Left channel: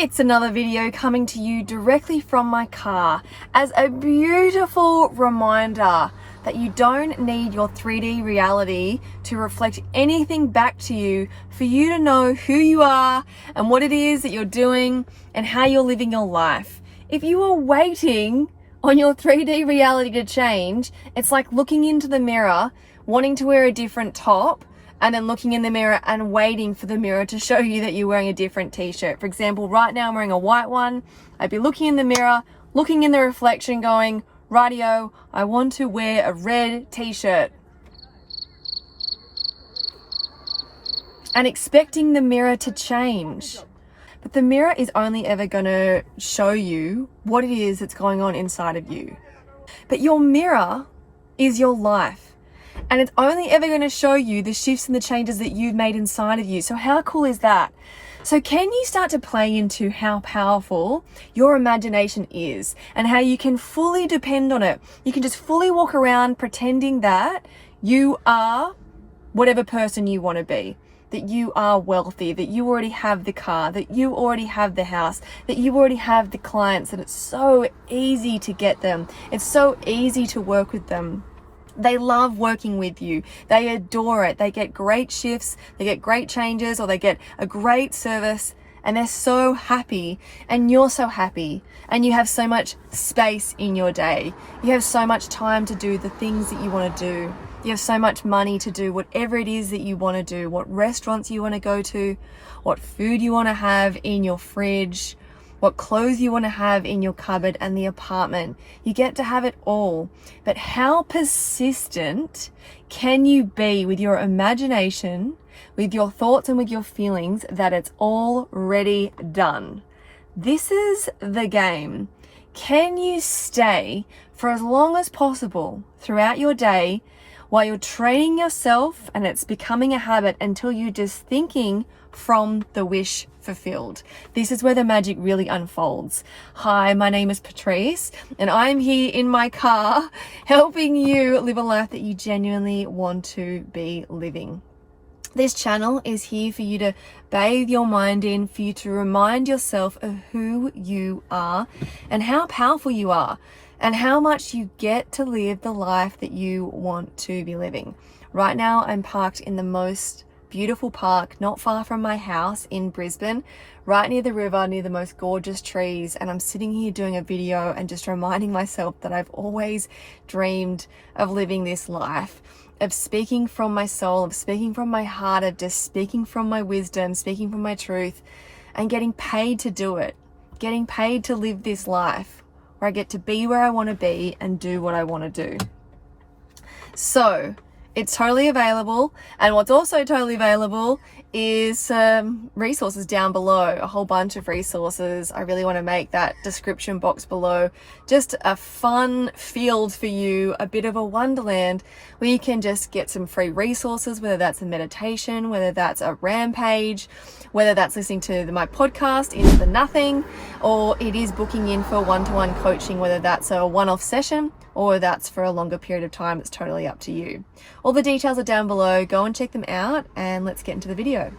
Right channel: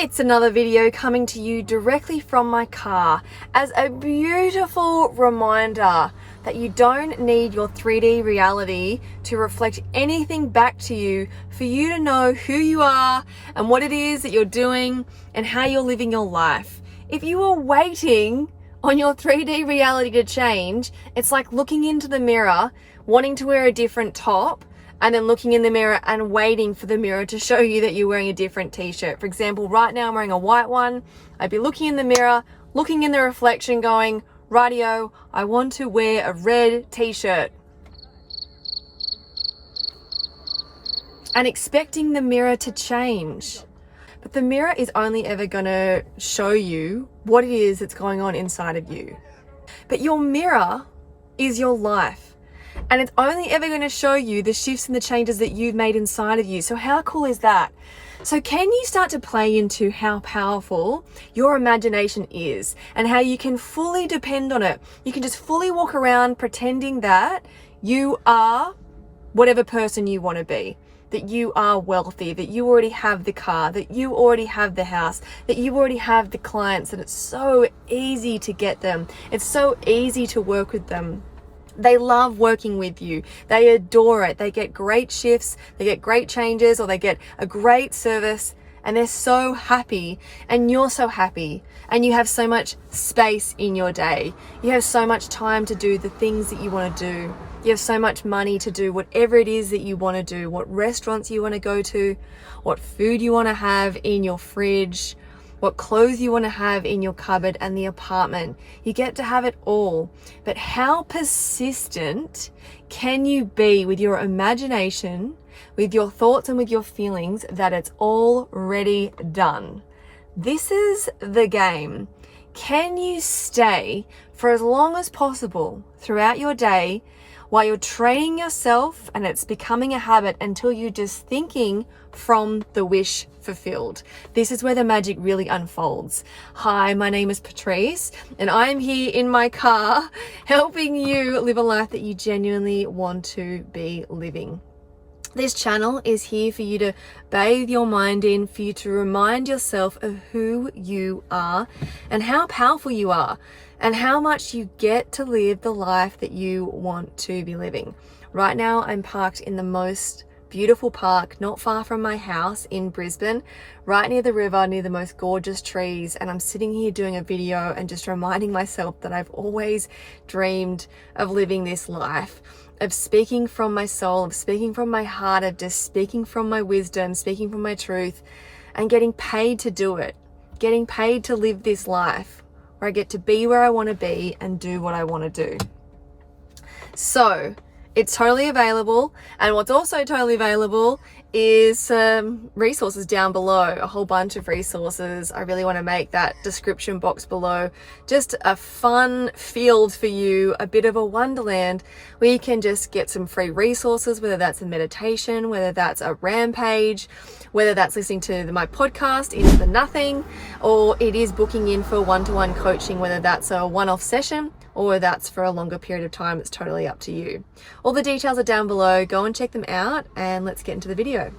It's another video coming to you directly from my car as a beautiful reminder that you don't need your 3D reality to reflect anything back to you for you to know who you are and what it is that you're doing and how you're living your life. If you are waiting on your 3D reality to change, it's like looking into the mirror, wanting to wear a different top, and then looking in the mirror and waiting for the mirror to show you that you're wearing a different t-shirt. For example, right now I'm wearing a white one. I'd be looking in the mirror, looking in the reflection going, rightio, I want to wear a red t-shirt. And expecting the mirror to change. But the mirror is only ever gonna show you what it is that's going on inside of you. But your mirror is your life. And it's only ever going to show you the shifts and the changes that you've made inside of you. So how cool is that? So can you start to play into how powerful your imagination is and how you can fully depend on it? You can just fully walk around pretending that you are whatever person you want to be, that you are wealthy, that you already have the car, that you already have the house, that you already have the clients, that it's so easy to get them. It's so easy to work with them. They love working with you. They adore it. They get great shifts, they get great changes, or they get a great service, and they're so happy, and you're so happy, and you have so much space in your day. You have so much time to do the things that you want to do. You have so much money to do whatever it is that you want to do, what restaurants you want to go to, what food you want to have in your fridge, what clothes you want to have in your cupboard and the apartment. You get to have it all. But how persistent can you be with your imagination, with your thoughts and with your feelings that it's already done? This is the game. Can you stay for as long as possible throughout your day while you're training yourself and it's becoming a habit until you're just thinking from the wish fulfilled? This is where the magic really unfolds. Hi, my name is Patrice, and I'm here in my car helping you live a life that you genuinely want to be living. This channel is here for you to bathe your mind in, for you to remind yourself of who you are and how powerful you are and how much you get to live the life that you want to be living. Right now, I'm parked in the most beautiful park not far from my house in Brisbane, right near the river, near the most gorgeous trees, and I'm sitting here doing a video and just reminding myself that I've always dreamed of living this life, of speaking from my soul, of speaking from my heart, of just speaking from my wisdom, speaking from my truth, and getting paid to do it, getting paid to live this life where I get to be where I want to be and do what I want to do. So it's totally available, and what's also totally available is resources down below, a whole bunch of resources. I really want to make that description box below just a fun field for you, a bit of a wonderland where you can just get some free resources, whether that's a meditation, whether that's a rampage, whether that's listening to my podcast, Into the Nothing, or it is booking in for one-to-one coaching, whether that's a one-off session or that's for a longer period of time. It's totally up to you. All the details are down below. Go and check them out, and let's get into the video.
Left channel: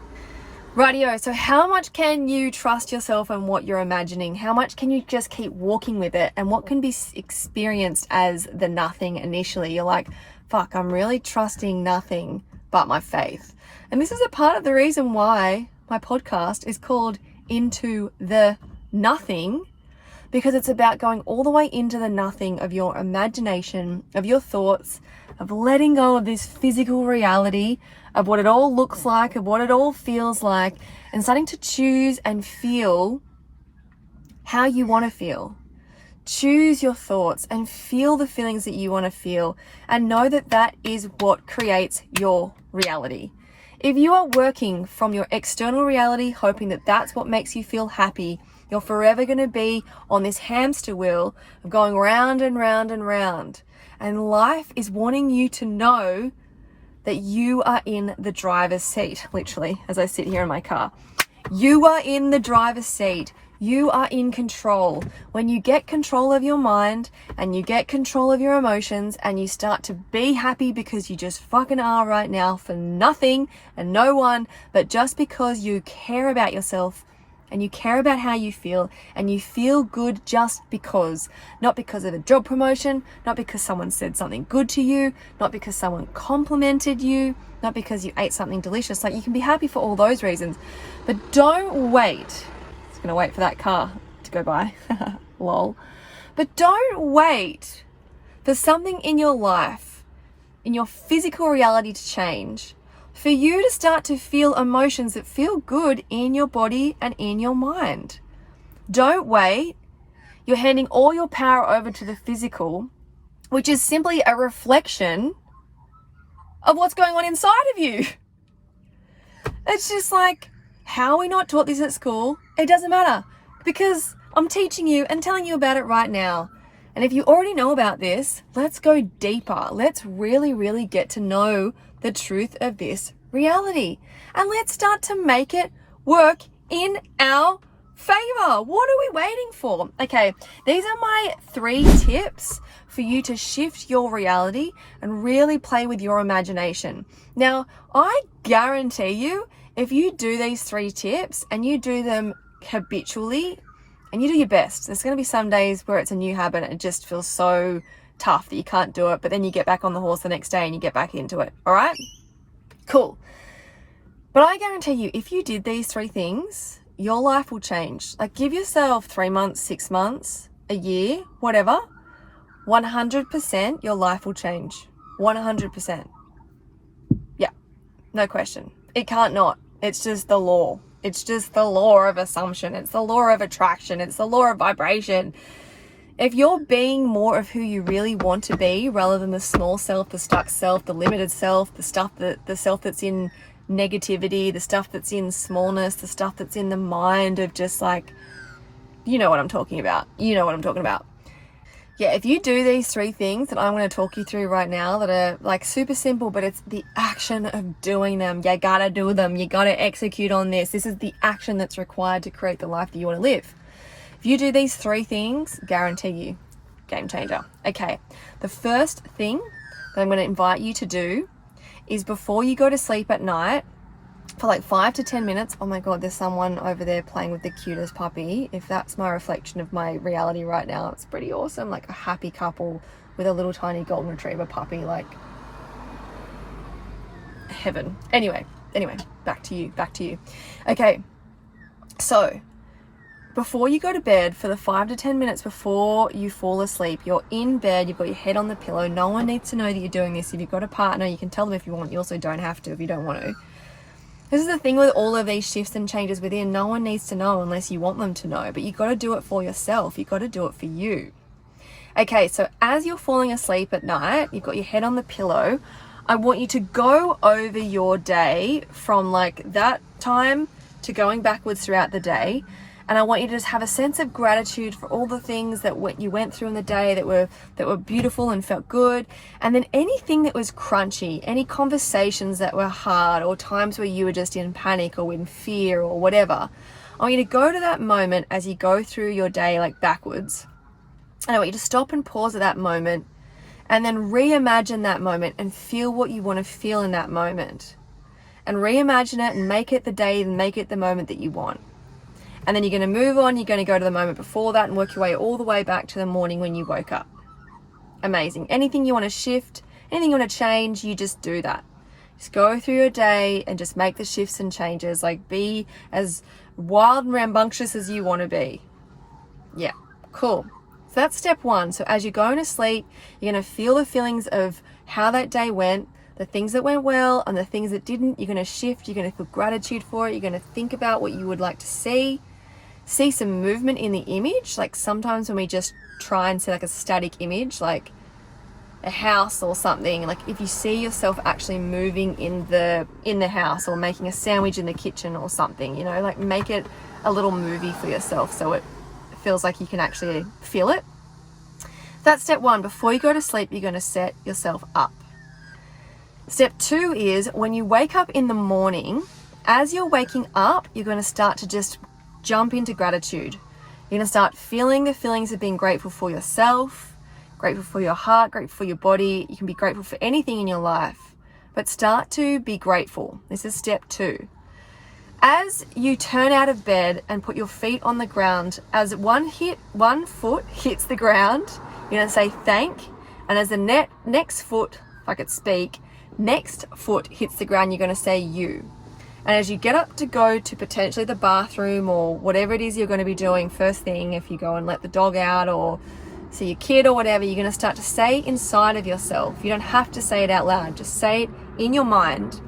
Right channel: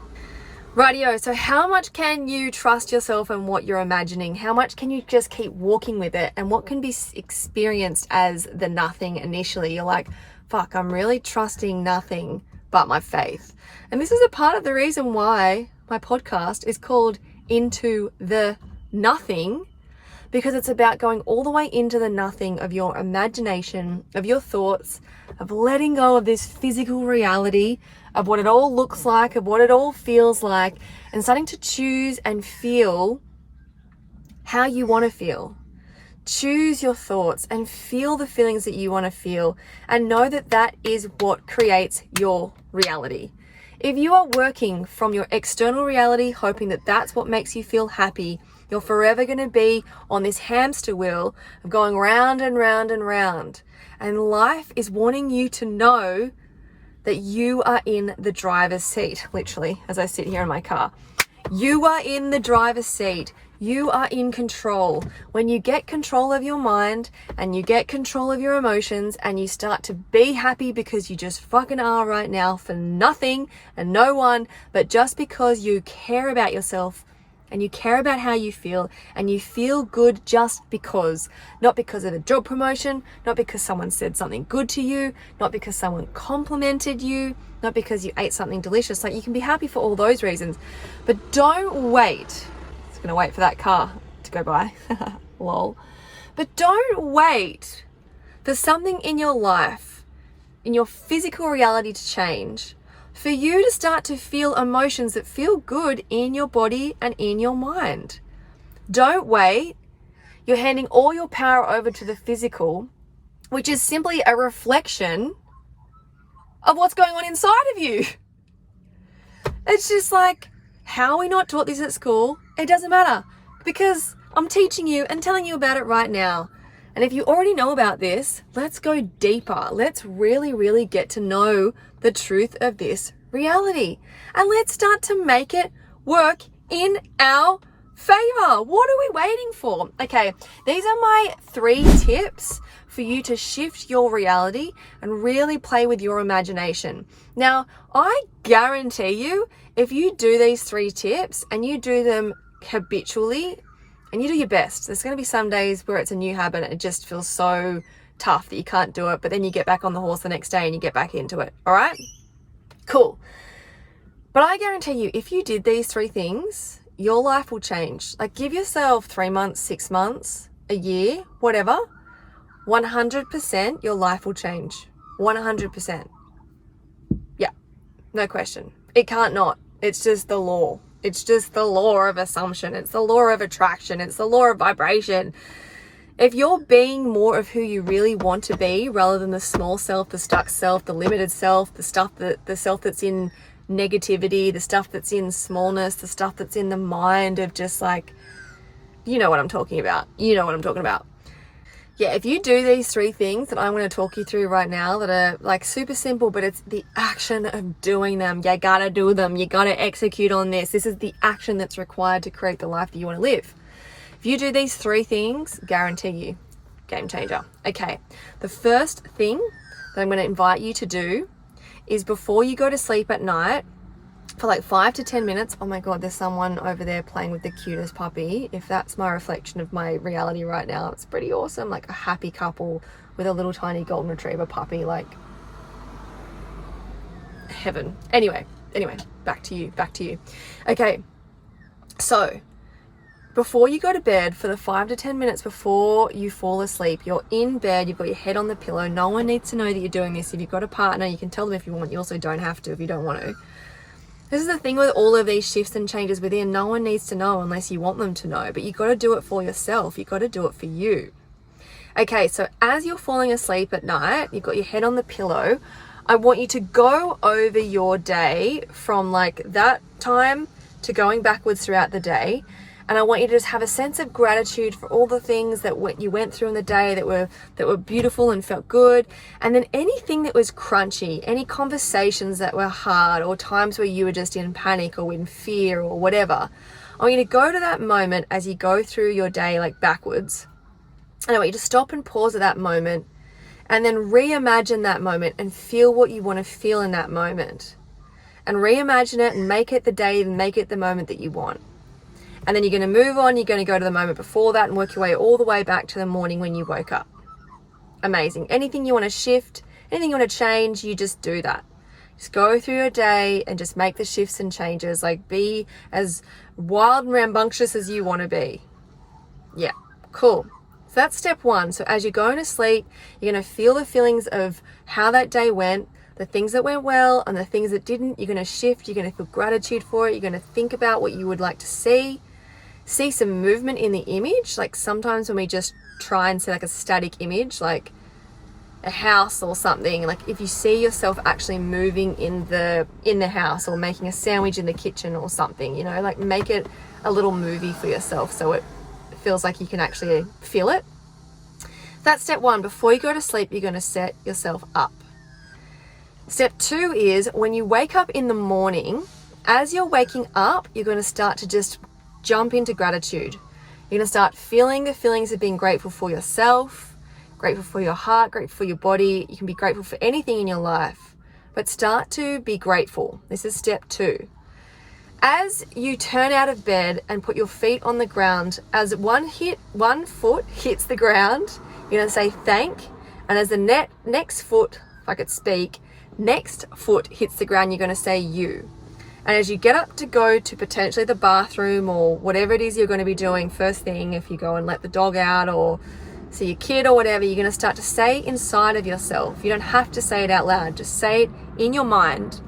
Rightio, so how much can you trust yourself and what you're imagining? How much can you just keep walking with it? And what can be experienced as the nothing initially? You're like, fuck, I'm really trusting nothing but my faith. And this is a part of the reason why my podcast is called Into the Nothing, because it's about going all the way into the nothing of your imagination, of your thoughts, of letting go of this physical reality, of what it all looks like, of what it all feels like, and starting to choose and feel how you want to feel. Choose your thoughts and feel the feelings that you want to feel, and know that that is what creates your reality. If you are working from your external reality, hoping that that's what makes you feel happy, you're forever going to be on this hamster wheel of going round and round and round. And life is wanting you to know that you are in the driver's seat, literally, as I sit here in my car. You are in the driver's seat. You are in control. When you get control of your mind and you get control of your emotions and you start to be happy because you just fucking are right now for nothing and no one, but just because you care about yourself and you care about how you feel, and you feel good just because. Not because of a job promotion, not because someone said something good to you, not because someone complimented you, not because you ate something delicious. Like, you can be happy for all those reasons, but don't wait. It's gonna wait for that car to go by. Lol. But don't wait for something in your life, in your physical reality to change, for you to start to feel emotions that feel good in your body and in your mind. Don't wait. You're handing all your power over to the physical, which is simply a reflection of what's going on inside of you. It's just like, how are we not taught this at school? It doesn't matter, because I'm teaching you and telling you about it right now. And if you already know about this, let's go deeper. Let's really, really get to know the truth of this reality. And let's start to make it work in our favor. What are we waiting for? Okay, these are my 3 tips for you to shift your reality and really play with your imagination. Now, I guarantee you, if you do these 3 tips and you do them habitually and you do your best, there's going to be some days where it's a new habit and it just feels so tough that you can't do it, but then you get back on the horse the next day and you get back into it. All right? Cool. But I guarantee you, if you did these 3 things, your life will change. Like, give yourself 3 months, 6 months, a year, whatever. 100% your life will change. 100%. Yeah, no question. It can't not. It's just the law. It's just the law of assumption. It's the law of attraction. It's the law of vibration. If you're being more of who you really want to be, rather than the small self, the stuck self, the limited self, the self that's in negativity, the stuff that's in smallness, the stuff that's in the mind of just like, you know what I'm talking about. You know what I'm talking about. Yeah, if you do these 3 things that I'm going to talk you through right now that are like super simple, but it's the action of doing them. You gotta do them. You gotta execute on this. This is the action that's required to create the life that you want to live. If you do these 3 things, guarantee you, game changer. Okay, the first thing that I'm going to invite you to do is, before you go to sleep at night, for like 5 to 10 minutes. Oh my God, there's someone over there playing with the cutest puppy. If that's my reflection of my reality right now, it's pretty awesome. Like a happy couple with a little tiny golden retriever puppy, like heaven. Anyway, back to you. Okay, so before you go to bed, for the 5 to 10 minutes before you fall asleep, you're in bed, you've got your head on the pillow. No one needs to know that you're doing this. If you've got a partner, you can tell them if you want. You also don't have to if you don't want to. This is the thing with all of these shifts and changes within. No one needs to know unless you want them to know, but you got to do it for yourself. You got to do it for you. Okay, so as you're falling asleep at night, you've got your head on the pillow. I want you to go over your day from like that time to going backwards throughout the day. And I want you to just have a sense of gratitude for all the things that you went through in the day that were beautiful and felt good. And then anything that was crunchy, any conversations that were hard, or times where you were just in panic or in fear or whatever. I want you to go to that moment as you go through your day, like backwards. And I want you to stop and pause at that moment, and then reimagine that moment and feel what you want to feel in that moment. And reimagine it and make it the day and make it the moment that you want. And then you're going to move on, you're going to go to the moment before that and work your way all the way back to the morning when you woke up. Amazing. Anything you want to shift, anything you want to change, you just do that. Just go through your day and just make the shifts and changes. Like, be as wild and rambunctious as you want to be. Yeah, cool. So that's step 1. So as you're going to sleep, you're going to feel the feelings of how that day went, the things that went well and the things that didn't. You're going to shift. You're going to feel gratitude for it. You're going to think about what you would like to see some movement in the image. Like sometimes when we just try and see like a static image, like a house or something, like if you see yourself actually moving in the house or making a sandwich in the kitchen or something, you know, like make it a little movie for yourself so it feels like you can actually feel it. That's step 1. Before you go to sleep, you're going to set yourself up. Step 2 is when you wake up in the morning, as you're waking up, you're going to start to just jump into gratitude. You're going to start feeling the feelings of being grateful for yourself, grateful for your heart, grateful for your body. You can be grateful for anything in your life, but start to be grateful. This is step 2. As you turn out of bed and put your feet on the ground, as one foot hits the ground, you're going to say thank. And as the next foot, if I could speak, next foot hits the ground, you're going to say you. And as you get up to go to potentially the bathroom or whatever it is you're going to be doing first thing, if you go and let the dog out or see your kid or whatever, you're going to start to say inside of yourself. You don't have to say it out loud. Just say it in your mind.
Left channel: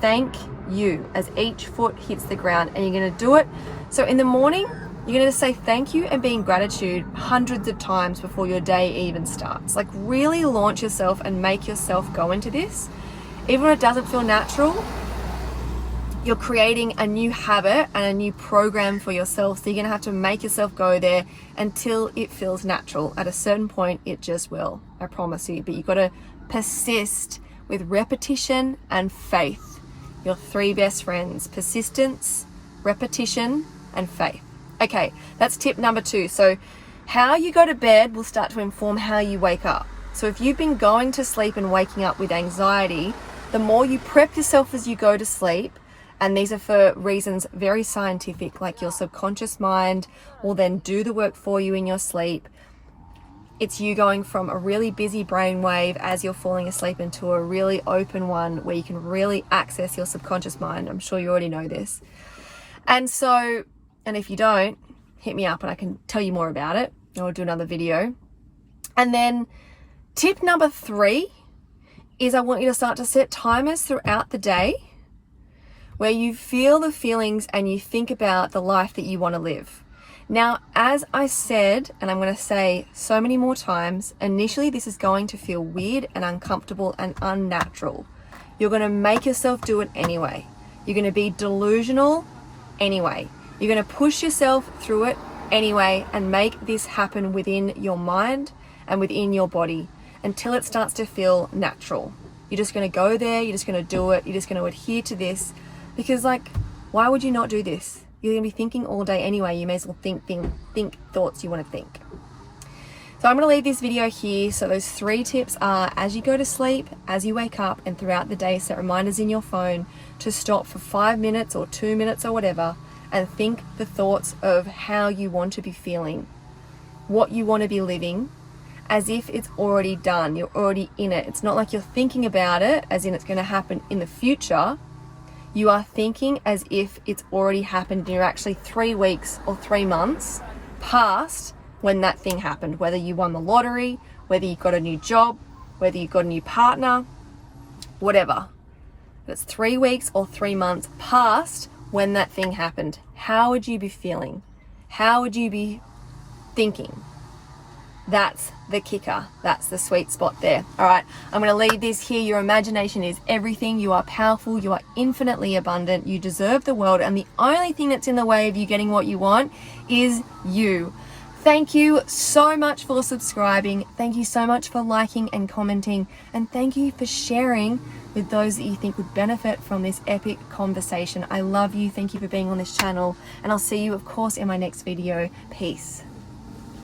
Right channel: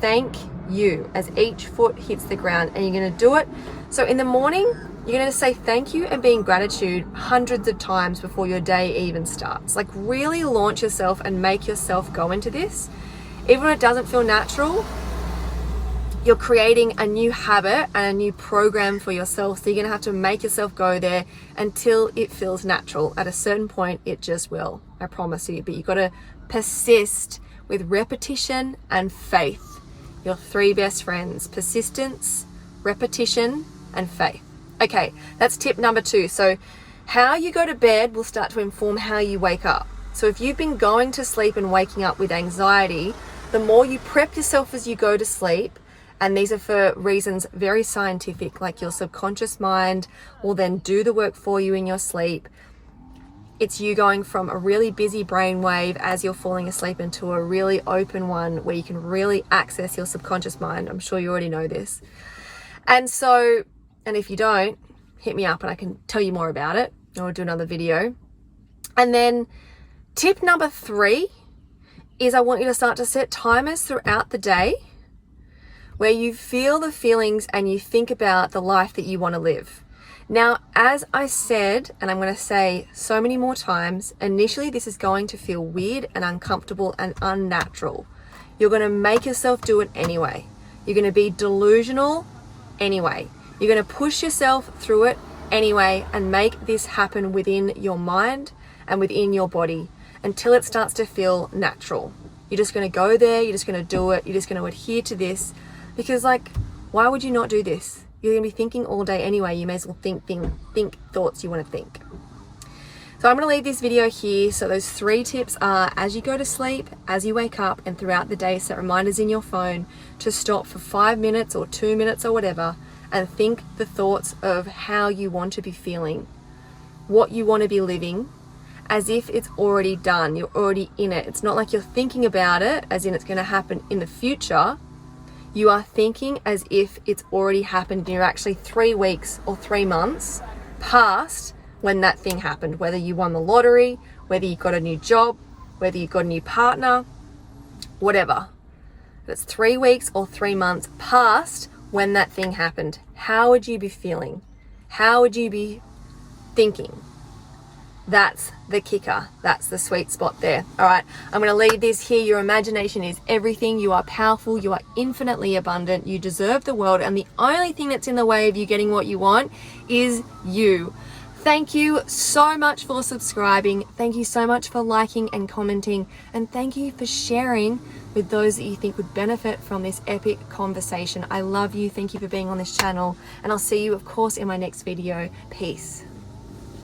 Thank you, as each foot hits the ground, and you're going to do it. So in the morning, you're going to say thank you and be in gratitude hundreds of times before your day even starts. Like, really launch yourself and make yourself go into this. Even when it doesn't feel natural, you're creating a new habit and a new program for yourself. So you're going to have to make yourself go there until it feels natural. At a certain point, it just will. I promise you. But you've got to persist with repetition and faith. Your three best friends: persistence, repetition, and faith. Okay, that's tip number 2. So how you go to bed will start to inform how you wake up. So if you've been going to sleep and waking up with anxiety, the more you prep yourself as you go to sleep, and these are for reasons very scientific, like your subconscious mind will then do the work for you in your sleep. It's you going from a really busy brainwave as you're falling asleep into a really open one where you can really access your subconscious mind. I'm sure you already know this. And if you don't, hit me up and I can tell you more about it, or do another video. And then tip number 3 is I want you to start to set timers throughout the day where you feel the feelings and you think about the life that you want to live. Now, as I said, and I'm going to say so many more times, initially this is going to feel weird and uncomfortable and unnatural. You're going to make yourself do it anyway. You're going to be delusional anyway. You're going to push yourself through it anyway and make this happen within your mind and within your body until it starts to feel natural. You're just going to go there. You're just going to do it. You're just going to adhere to this because, like, why would you not do this? You're going to be thinking all day anyway. You may as well think thoughts you want to think. So I'm going to leave this video here. So those 3 tips are: as you go to sleep, as you wake up, and throughout the day, set reminders in your phone to stop for 5 minutes or 2 minutes or whatever and think the thoughts of how you want to be feeling, what you want to be living, as if it's already done. You're already in it. It's not like you're thinking about it as in it's going to happen in the future. You are thinking as if it's already happened and you're actually 3 weeks or 3 months past when that thing happened, whether you won the lottery, whether you got a new job, whether you got a new partner, whatever. But it's 3 weeks or 3 months past when that thing happened. How would you be feeling? How would you be thinking? That's the kicker. That's the sweet spot there. All right, I'm going to leave this here. Your imagination is everything. You are powerful. You are infinitely abundant. You deserve the world. And the only thing that's in the way of you getting what you want is you. Thank you so much for subscribing. Thank you so much for liking and commenting. And thank you for sharing with those that you think would benefit from this epic conversation. I love you. Thank you for being on this channel. And I'll see you, of course, in my next video. Peace.